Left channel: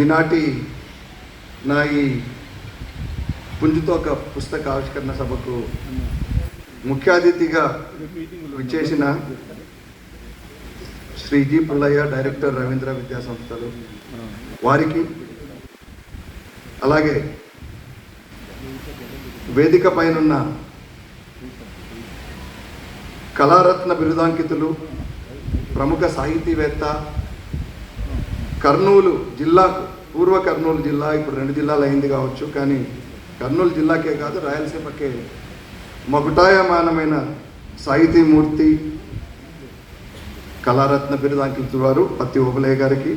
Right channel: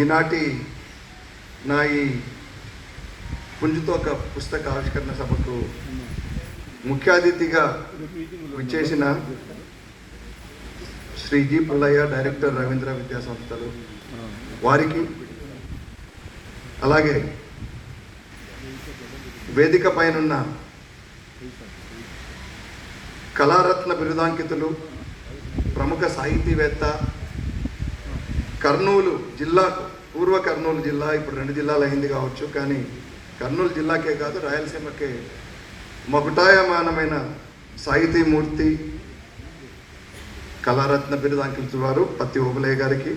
ఈనాటి నా ఈ పుంజుతోక పుస్తక ఆవిష్కరణ సభకు ముఖ్య అతిథిగా విచ్చేసిన శ్రీ జి పుల్లయ్య, డైరెక్టర్ రవీంద్ర విద్యా సంస్థలు వారికి, అలాగే వేదిక పైనున్న కళారత్న బిరుదాంకితులు, ప్రముఖ సాహితీవేత్త, కర్నూలు జిల్లాకు, పూర్వ కర్నూలు జిల్లా ఇప్పుడు 2 జిల్లాలు అయింది కావచ్చు, కానీ కర్నూలు జిల్లాకే కాదు రాయలసీమకే మకుటాయమానమైన సాహితీమూర్తి, కళారత్న బిరుదాంకితులు వారు పత్తి ఓబులయ్య గారికి,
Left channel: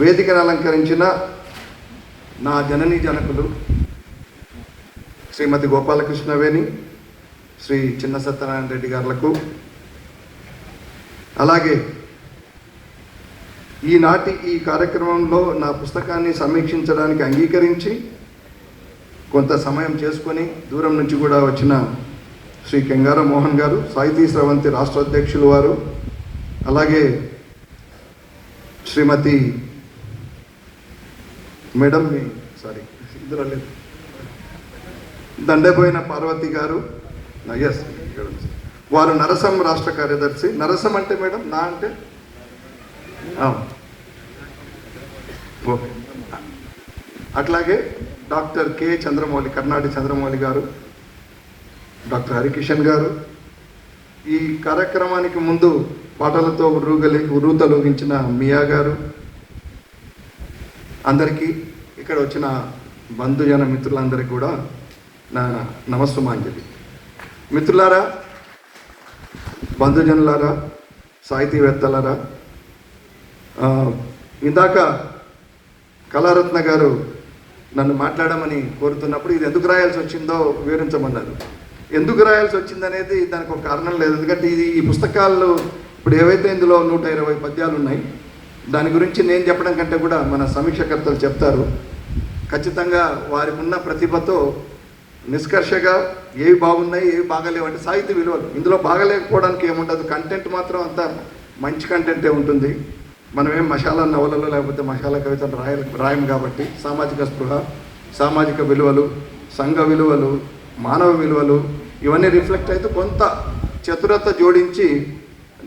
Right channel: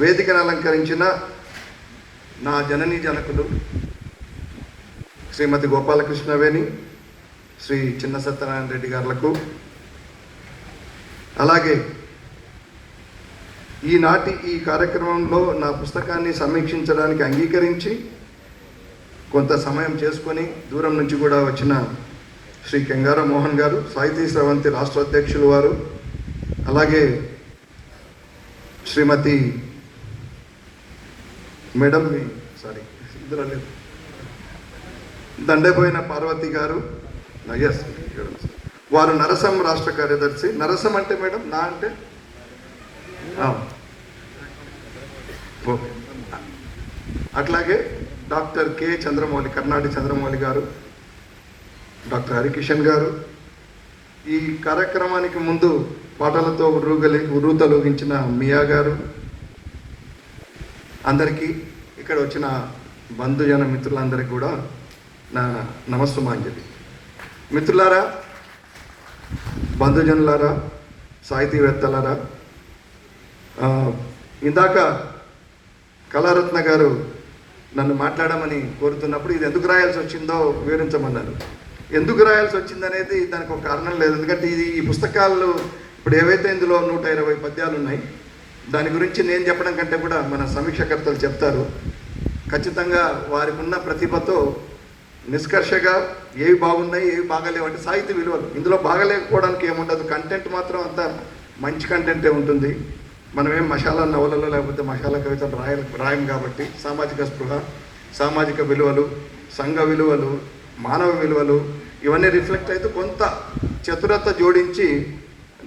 వేదికను అలంకరించిన నా జననీ జనకులు శ్రీమతి గోపాలకృష్ణవేణి, శ్రీ చిన్న సత్యనారాయణ రెడ్డి గారులకు, అలాగే ఈనాటి ఈ కార్యక్రమంలో నా పుస్తకాన్ని సమీక్షించడానికి అంగీకరించి కొంత సమయం చేసుకొని దూరం నుంచి కూడా వచ్చిన శ్రీ కెంగార మోహన్ గారు, సాహితీ స్రవంతి రాష్ట్ర అధ్యక్షులు వారు, అలాగే శ్రీమతి మేడం ఇద్దరు దండపోయిన పార్వతి గారు, ఎస్ వారు నరసం రాష్ట్ర కార్యదర్శి. నరసం అంటే మేడం నా అంటే ఓకే. అట్లాగే డాక్టర్ కె చంద్రమౌళి, కర్ణాటి చంద్రమౌళి గారు, డాక్టర్ హరికిషన్ గారు, ఈ కార్యక్రమానికి ముందు పాటలతో ఉర్రూతలూగించిన మియా గారు, అందరికీ ఇక్కడ వచ్చిన బంధుజన మిత్రులందరికీ కూడా నా నమస్సుమాంజలి. మిత్రులారా, బంధుజనులారా, సాహితీవేత్తలారా, ఇందాక కళారత్న గారు నన్ను మాట్లాడమని కోరుతున్నప్పుడు ఇది ఎందుకు రాయాల్సి వచ్చిందో వివరించమన్నారు. ఎందుకు రాయాల్సి వచ్చిందనేది దానికి ఒక కారణం లేదు. ఎందుకంటే ఈ పుస్తకాల్లో ఇప్పుడు ఏవైతే ఇందులో 120 పద్యాలు ఉన్నాయి, దాని గురించి నేను చెప్పడం కంటే కూడా మన సమీక్షకర్తలు చెప్తారు. ఖచ్చితంగా వారికి ఉన్న ప్రతిభతో నిష్కర్షగా ఏవి బాగున్నాయి, ఏవి బాగలేవంటే సాహిత్య విలువలు. ఇందులో బాగలేకపోవడానికి ఏముండదు, కంటెంట్ మాత్రం అంత మంచి కంటెంటే ఉంటుంది. మనం ఏం మసాలా నవలలో లేకపోతే మసాలా కవితలు రాయం కాబట్టి సామాజిక స్పృహ, సామాజిక విలువలు, సంఘ విలువలు, మానవ విలువలు ఇవన్నీ రిఫ్లెక్ట్ అయితే కొంత చతురత జోడించి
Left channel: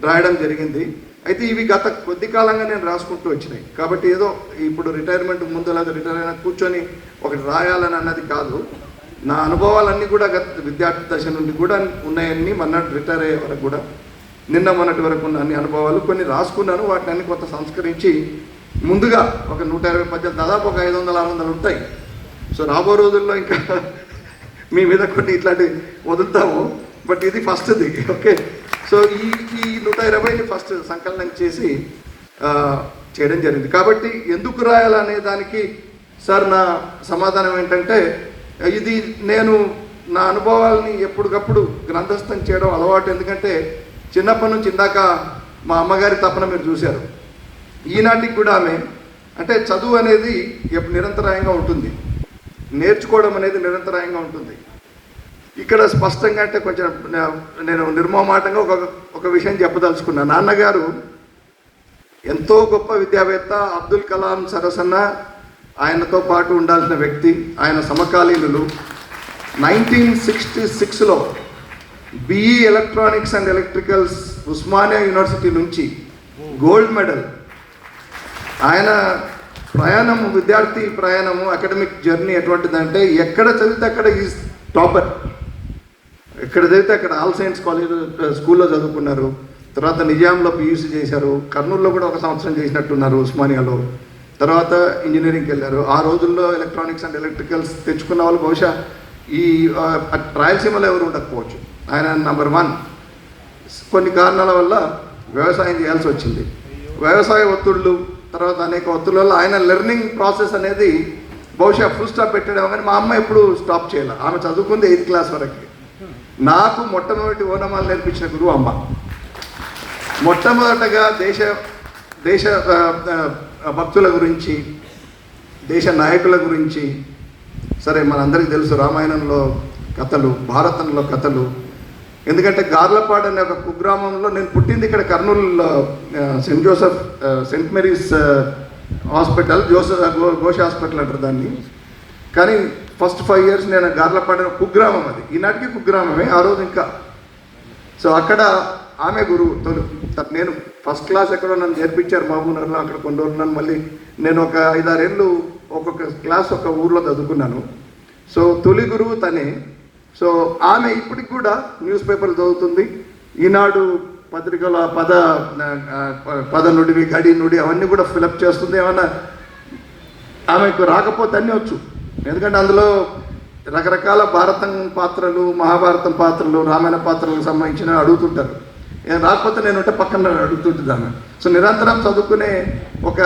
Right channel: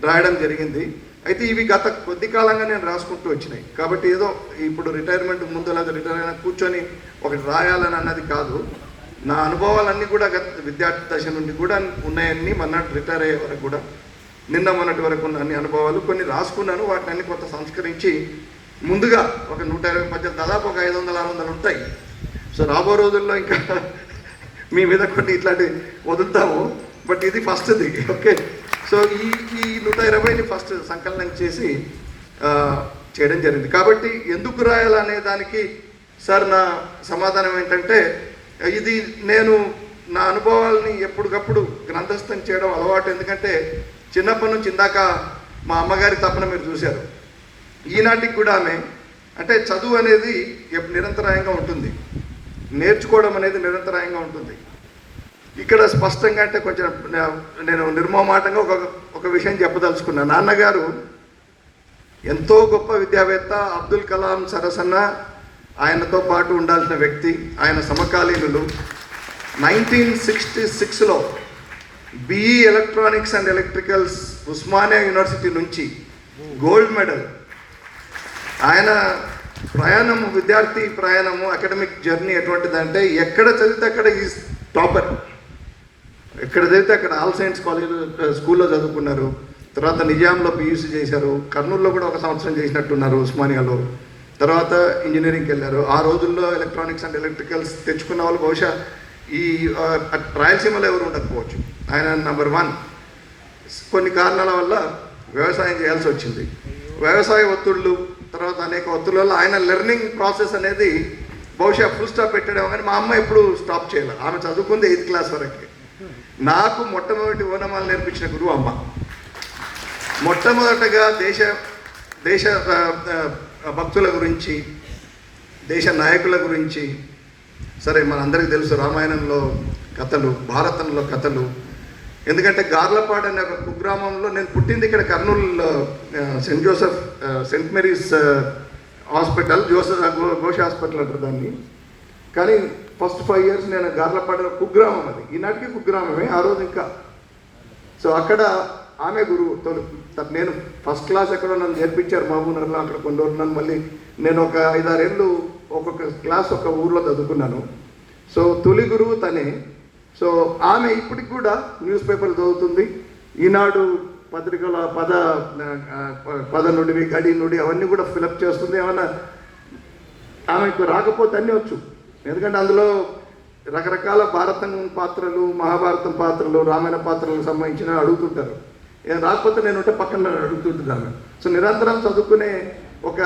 రాయడం జరిగింది. అయితే ఇవి గత కొద్ది కాలంగా నేను రాసుకుంటూ వచ్చినాయి కాబట్టి ఏదో ఇప్పుడు రిటైర్మెంట్ ముందు లేదా రిటైర్ అయినా కూర్చొని ఒకటి రాయాలని అన్నది కాదు. నా అనుభవాలన్నీ కూడా గత విద్యార్థి దశ నుండి కూడా ఉన్నాయని, మొన్నటి రిటైర్ అయ్యే వరకు కూడా, నిన్న మొన్నటి వరకు ఉన్న అన్ని అనుభవాలు కొన్ని రాసుకున్నాను. వాటిని అన్ని కొంత సంస్కరించి ముందుగా ఒక 120 పద్యాలు, దాదాపు ఒక 500-600 ఉంటాయి. సో రాబో రోజుల్లో ఇంకా మీ మీద కొన్ని ఇట్లాంటివి వదులుతాము. బట్ ఇది ఫస్ట్ది. ఓకే. సో ఈ 120ని ఫస్ట్ సంకలనం చేసి చేయడం జరిగింది. కాబట్టి ఎందుకు రాయాలనే దానికి సార్ నా సమాధానం ఏంటంటే, ఇది నేను నా అనుభవాలని ఎప్పటికప్పుడు గ్రంథస్థం చేయడం అలవాటు. ఎందుకంటే చిన్నప్పటి నుంచి ఇందాక మా అమ్మగారి తపన మీరు చూశారు. ఈనాటికి కూడా ఆమె అంటే చదువు అనేది నిరంతరాయంగా ఉంటుంది, నేర్చుకోవడం అనేది నిరంతరాయంగా ఉంటుంది. ఇక్కడ స్పష్టంగా అంటే కొంచెం నేను నిర్మమాటంగా ఒక విషయం చెప్పదలుచుకున్నాను. నాన్నగారు ఎంతో గొప్ప విద్యావేత్త, అబ్దుల్ కలాం సరసన ఆయనతో పాటు ఉండాల్సిన వ్యక్తి, ఆయన సమకాలీనులు. 1966లో BE electronics and electricals Osmania university నుంచి గోల్డ్ మెడల్. ఆయన ప్రయాణము, విద్యార్థి ప్రయాణము, అకాడమిక్ జర్నీ ఎటువంటిదంటే ఎక్కడ చదివితే అక్కడ ఈజ్ టాపర్. ఎక్కడ చదివితే అక్కడ ఆల్ సైన్స్ కాలేజ్ స్కూల్లో చదువుకున్నారు. తర్వాత నిజాంలో పియూసీ చేశారు. కర్నూలులో కూడా 1 సంవత్సరం చేసినట్టున్నారు ఉస్మానియాలో. తర్వాత ఇంజనీరింగ్కి వెళ్ళారు. ఆ రోజుల్లో ఎలక్ట్రానిక్స్ అండ్ ఎలక్ట్రికల్స్ తెచ్చుకున్న వాళ్ళు బహుశా ఈ రాయలసీమలో ఎవరు ఉండకపోవచ్చు. ఆయన నెంబర్ 1. కొన్ని కారణాల వల్ల వ్యవసాయం చేయాల్సి వచ్చింది. వ్యవసాయ ఒత్తిళ్ళు, తర్వాత అనేక ఒత్తిళ్ళ వల్ల ఆయన లెర్నింగ్ ప్రాసెస్ అనేది బహుశా ఫుల్ స్టాప్ పెట్టడం. కానీ మా అమ్మ ఎప్పుడు స్టాప్ చేయాలి. ఆమె చదువుకుంది 8th క్లాస్ వరకు. నాకు మొట్టమొదటి ఓనమాలు నేర్పించిన గురువు అమ్మ. మొట్టమొదటగా దేశ భక్తుల గురించి, దేశ నాయకుల గురించి, సరే మనందరికీ తెలుసు రామాయణంలో కథలు, భారతంలో కథలు. ఎందుకంటే గార్లపాడు అనే ఒక కుగ్రామంలో నేను పుట్టింది ఇక్కడ కర్నూలులో Saint Mary's hospital Ghosh hospital అంటారు దాన్ని. కానీ ఫస్ట్ 5 years నేను గార్లపాడ కుగ్రామం, అది ఈనాటికి కుగ్రామమే ఆ రోజు ఇంకా. సో అక్కడ ఆమె గురువు. నేను ఫస్ట్ క్లాస్ ఎక్కడో నన్ను నేర్పించారు మహబూబ్నగర్లో, అక్కడ కొన్ని రోజులు నన్ను మళ్ళీ నేను ఒక 5-6 ఏళ్ళు ఒక్కొక్క క్లాస్ ఒక ఊర్లో చదువుకున్నాను. సో తొలి గురువు తనే. సో ఆమె ఇప్పటికి కూడా న్యూస్ పేపర్లు చదువుతుంది. ఈనాడు పత్రికల పద నుడివి, గడి నుడి అవన్నీ కూడా ఫిలప్ చేస్తుంది. ఏమన్నా ఆమెకు రాకపోతే అన్నీ వచ్చు, ఎందుకంటే అందులో రకరకాల భారతం పాత్రలు, మహాభారతం పాత్రలు, రామాయణ పాత్రలకు సంబంధించిన అడుగుతుంటారు. రాకపోతే నేను ఉంటే పక్కన అడుగుతుంటుంది ఆమె. సో నిరంతరం చదువుకునే ఒక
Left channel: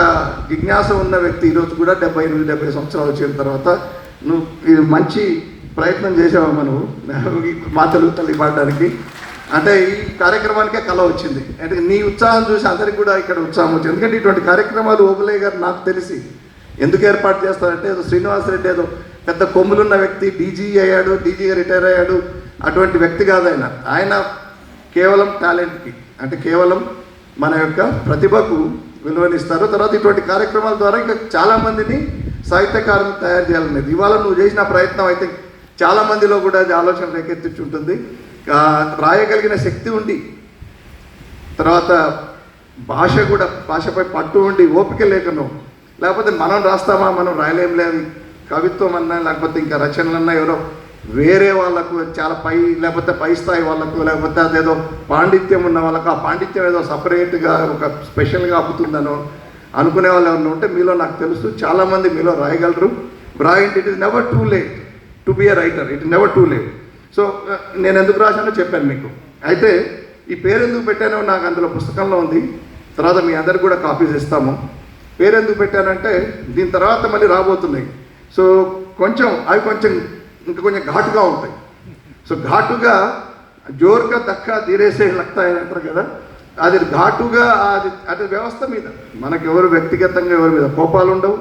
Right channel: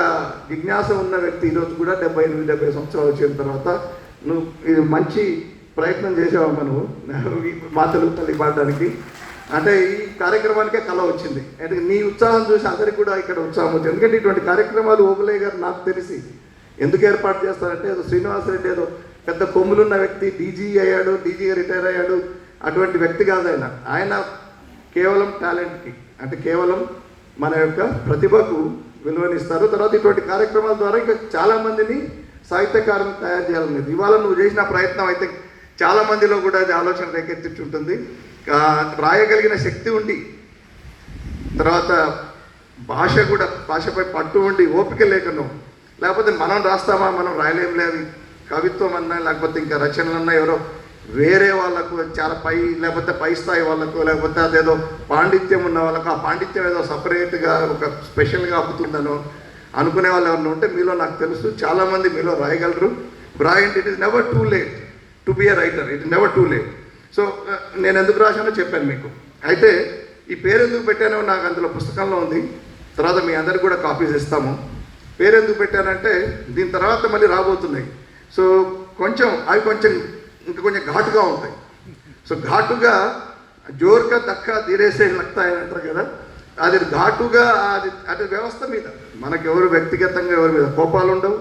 జిజ్ఞాస ఉన్న వ్యక్తి ఈరోజు కూడా 70 సంవత్సరాలు వచ్చిన తర్వాత నువ్వు ఇది మంచి ప్రయత్నం చేసావమ్మా నువ్వు మా తెలుగు తల్లి పాడడానికి. అంటే ఈ కార్యక్రమానికే కళ వచ్చింది. అంటే నీ ఉత్సాహం చూసి అందరికి కూడా ఇక్కడ ఉత్సాహం వచ్చింది. ఎందుకంటే ఇటువంటి కార్యక్రమాలు ఓబులే గారు నాకు తెలిసి ఎందుకు ఏర్పాటు చేస్తారంటే, ఏదో శ్రీనివాసరెడ్డి ఏదో పెద్ద కొమ్ములున్న వ్యక్తి, డీజీ అయ్యాడు, డీజీగా రిటైర్ అయ్యాడు, అటువంటి వ్యక్తి కాదు ఆయన. ఆయన కేవలం టాలెంట్కి, అంటే కేవలం మన యొక్క ప్రతిభకు విలువనిస్తారు. తర్వాత ఇటువంటి కార్యక్రమాల ద్వారా ఇంకా చాలామందిని సాహిత్యకారులు తయారు చేయాలనేది ఇవాళ నువ్వు చేసిన ప్రయత్నం అయితే చాలామందిలో కూడా అది ఆలోచన రేకెత్తించుంటుంది. రాయగలిగిన శక్తి ఉండి, తర్వాత భాష కూడా భాషపై పట్టు ఉండి, ఓపిక లేకను, లేకపోతే మనం రాస్తామా, మనం రాయలేం లేదు, కవిత్వం అన్నా లేకపోతే ఇంకా రచనలన్నా ఎవరో వేరే వాళ్ళకు చాలా లేకపోతే పై స్థాయి వాళ్ళకు, లేకపోతే అదేదో పాండిత్యం ఉన్న వాళ్ళకు ఆ పాండిత్యం ఏదో సపరేట్గా ఒక స్పెషల్గా అప్పుతుందనో అనుకునే వాళ్ళు ఎవరైనా ఉంటే మీలో నాకు తెలుసు చాలామంది మీలో రాయగలరు. రాయండి. It is never too late to be a writer, it is never too late. So నేను ఎందుకు రాశానో చెప్పాను మీకు. అయితే ఈ పేరు ఎందుకు పెట్టానో నాకు అందులో పుస్తకంలో ఉంది, తర్వాత మీ అందరికి కూడా కాపీస్ ఇస్తాము. పేరు ఎందుకు పెట్టానంటే దీని తర్వాత మళ్ళీ రాబోతున్నాయి. సో అవి ఇంకా కొంచెం ఘాటుగా ఉంటాయి. సో ఘాటుగా జోరుగా దక్కా తీరేసే లక్తాయని అంటారు కదా, అది ఘాటుగా అది వ్యవస్థ మీద మనకు ఎవరు వ్యక్తిగతంగా ఎవరి మీద కోపాలు ఉండవు,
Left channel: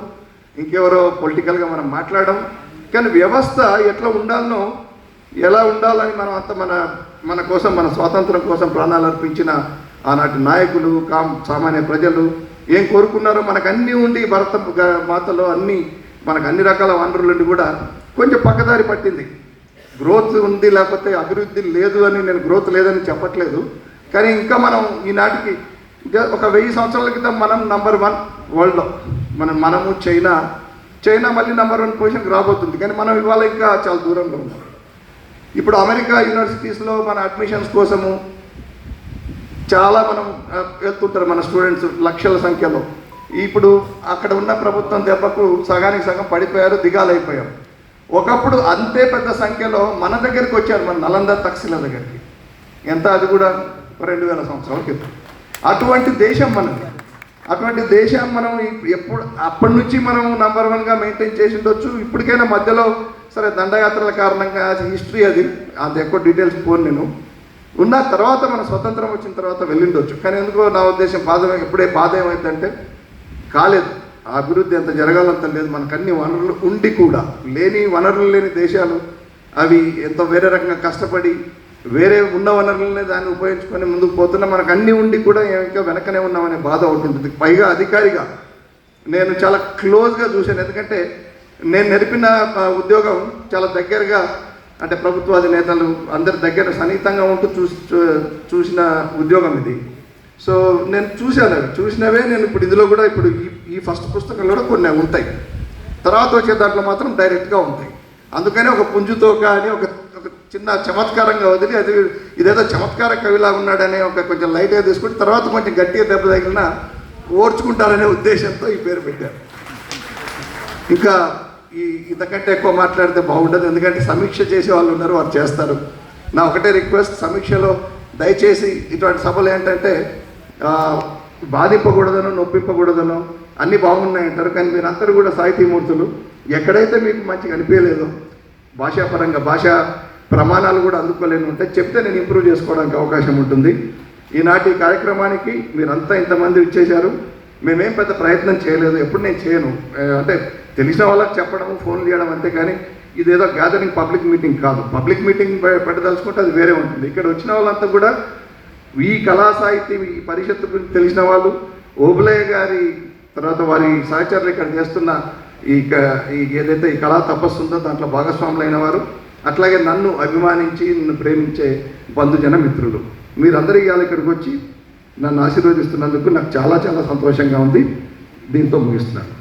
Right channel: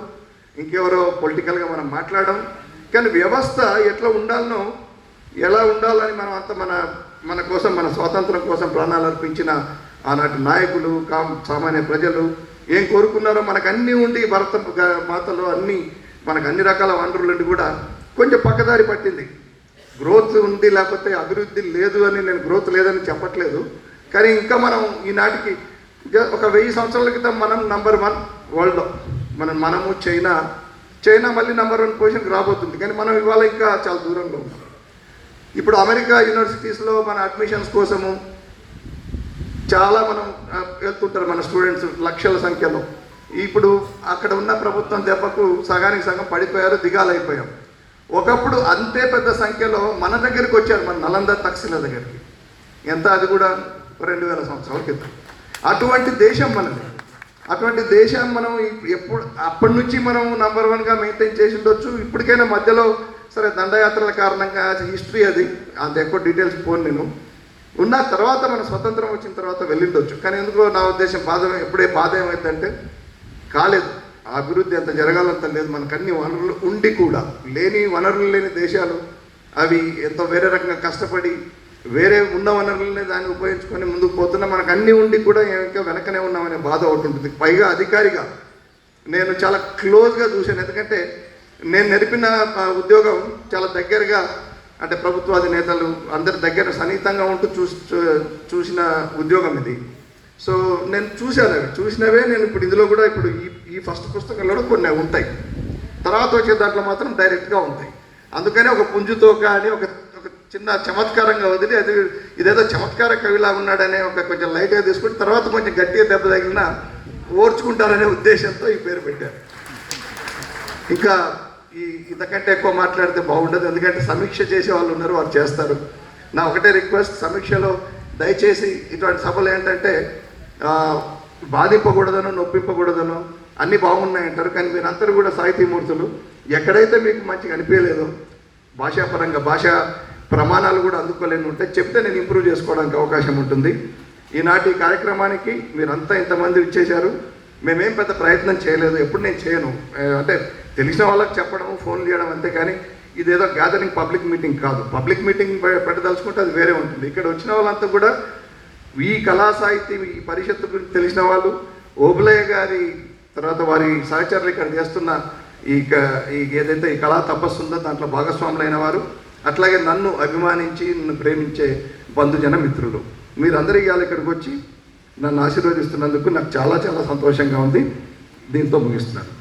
ఇంకెవరో పొలిటికల్గా మనం మాట్లాడడం. కానీ వ్యవస్థ ఎట్లా ఉండాలనో, ఎలా ఉండాలని మనం అంత మన కోసం, మన స్వాతంత్రం కోసం ప్రాణాలు అర్పించిన ఆనాటి నాయకులు, సామాన్య ప్రజలు ఏం కోరుకున్నారో మనకు అన్నీ ఉండి, భరత మాతలో అన్నీ మనకు అన్ని రకాల వనరులుండి కూడా కొంచెం పక్కదారి పట్టింది. గ్రోత్ ఉంది, లేకపోతే అభివృద్ధి లేదు అని నేను గ్రోత్ లేదని చెప్పట్లేదు. కానీ ఇంకా మనం ఈనాటికి ఒక 1000 సంవత్సరాల క్రితం మనం నంబర్ 1 వరల్డ్లో మనము చైనా మళ్ళీ నంబర్ 1 పొజిషన్కి రాబోతుంది. కానీ మనం ఇవాళ ఇంకా చాలా దూరంలో ఉన్నాం. ఇప్పుడు అమెరికా యూనివర్సిటీస్లో మన అడ్మిషన్స్ కోసము చాలా మనం వెళ్తుంటారు మన స్టూడెంట్స్ లక్షల సంఖ్యలో. ఇప్పుడు అక్కడ ఉన్న ప్రభుత్వం దెబ్బకు సగానికి సగం పడిపోయారు, దిగాలైపోయారు. ఒకప్పుడు అంతే పెద్ద సంఖ్యలో మన దగ్గరికి వచ్చారు, మన నలంద తక్షశిల దగ్గరికి. ఎంత, అది కూడా 2000 సంవత్సరాల క్రితం. అటువంటి దేశం మనది. అటువంటి దేశం మనం అప్పటి నుంచి మనం నంబర్ 1గా మెయింటైన్ చేసి ఉండొచ్చు. ఇప్పటికైనా మధ్యలో సరే దండయాత్రల కారణంగా హిస్టరీ అది ఎక్కువ డీటెయిల్స్ పోను నేను. ఉన్న తర్వాత మన స్వతంత్రం వచ్చిన తర్వాత వెళ్ళిండొచ్చు. కానీ ఎందుకో నా ఉద్దేశం ఎప్పుడే బాధ ఏమైందంటే కాలేదు, అభివృద్ధి అంత జరగాలంత లేదు. మనకు అన్ని వనరులు ఉండి కూడా వనరులు లేని దేశాలు అవి ఎంత వేరే రకంగా కష్టపడి వేరే ఉన్న వనరులనే దాన్ని ఉపయోగించుకొని ముందుకు పోతున్నా, మనకు అన్నీ ఉండి కూడా ఇంకా వెనకనే ఉన్నామనే బాధ ఒకటి ఉంటుంది. పైగా అధికారిగా నేను చాలా క్లోజ్గా చూశాను. ఎందుకంటే నేను నేర్పిన ఉద్యోగం చాలా దగ్గరగా, అంటే ప్రభుత్వాది నేతలు అందరి దగ్గర సన్నిహితంగా ఉంటూ చూసిన ఉద్యోగం ఇది. సో నేను చూసినవే నేను ఇప్పుడు ఇందులో కూడా ఈ ఫస్ట్ పుస్తకంలో కూడా కొన్ని ఉంటాయి, తర్వాత వచ్చే దాంట్లో మాత్రం డైరెక్ట్గా ఉంటాయి. అందుకని ఒక పుంజుతోక అని ఒక చిన్న చమత్కారంగా వదిలి అది ఇదేదో చమత్కార కవిలా ఉన్నాడనే కొంచెం లైట్గా తీసుకుంటే తర్వాత కొంచెం గట్టిగా దెబ్బ తగిలినా ఓర్చుకుంటారనే ఉద్దేశంతో ఈ పేరు పెట్టారు. ఇంకా ఇంతకంటే ఎక్కువ మాట్లాడితే బాగుండదు, ఎందుకంటే సమీక్ష చేసే వాళ్ళు ఉన్నారు, వారు చేస్తారు. నా ఒకటే రిక్వెస్ట్, సమీక్షలో దయచేసి ఇటువంటి సభలు ఏంటంటే బాధింపకూడదనో నొప్పింపకూడదనో అన్నీ బాగున్నాయంటారు. కానీ మీరందరూ కూడా సాహితీమూర్తులు, ఎక్కడైతే మీకు మంచిగా అనిపించలేదో, భాషాపరంగా భాషా ప్రమాణాలు కూడా అందుకోలేని ఉంటే చెప్తే నేను ఇంప్రూవ్ చేసుకోవడానికి అవకాశం ఉంటుంది. ఈనాటి కార్యక్రమానికి మీరంతా ఇంతమంది ఇచ్చేశారు. మేమేం పెద్ద ప్రయత్నం చేయలేదు, ఎప్పుడు నేను చేయను. అంటే తెలిసిన వాళ్ళకి చెప్పడం, ఫోన్ చేయడం అంతే. కానీ ఇదేదో గ్యాదరింగ్ పబ్లిక్ మీటింగ్ కాదు. పబ్లిక్ మీటింగ్ పెట్టదలుచుకుంటే అది వేరే ఉంటుంది. ఇక్కడ వచ్చిన వాళ్ళంతా కూడా ఈ కళా సాహితీ ఈ పరిషత్తు గురించి తెలిసిన వాళ్ళు, ఓబులే గారి తర్వాత వారి సహచరులు ఇక్కడ చేస్తున్న ఈ ఏదైతే ఈ కళా తపస్సు ఉందో దాంట్లో భాగస్వాములైన వారు, అట్లాగే నన్ను అభిమానించి నన్ను ప్రేమించే బంధుజన మిత్రులు, మీరందరూ ఇవాళ ఇక్కడికి వచ్చి నన్ను ఆశీర్వదిస్తున్నందుకు నాకు చాలా చాలా సంతోషంగా ఉంది. దీంతో ముగిస్తున్నాను.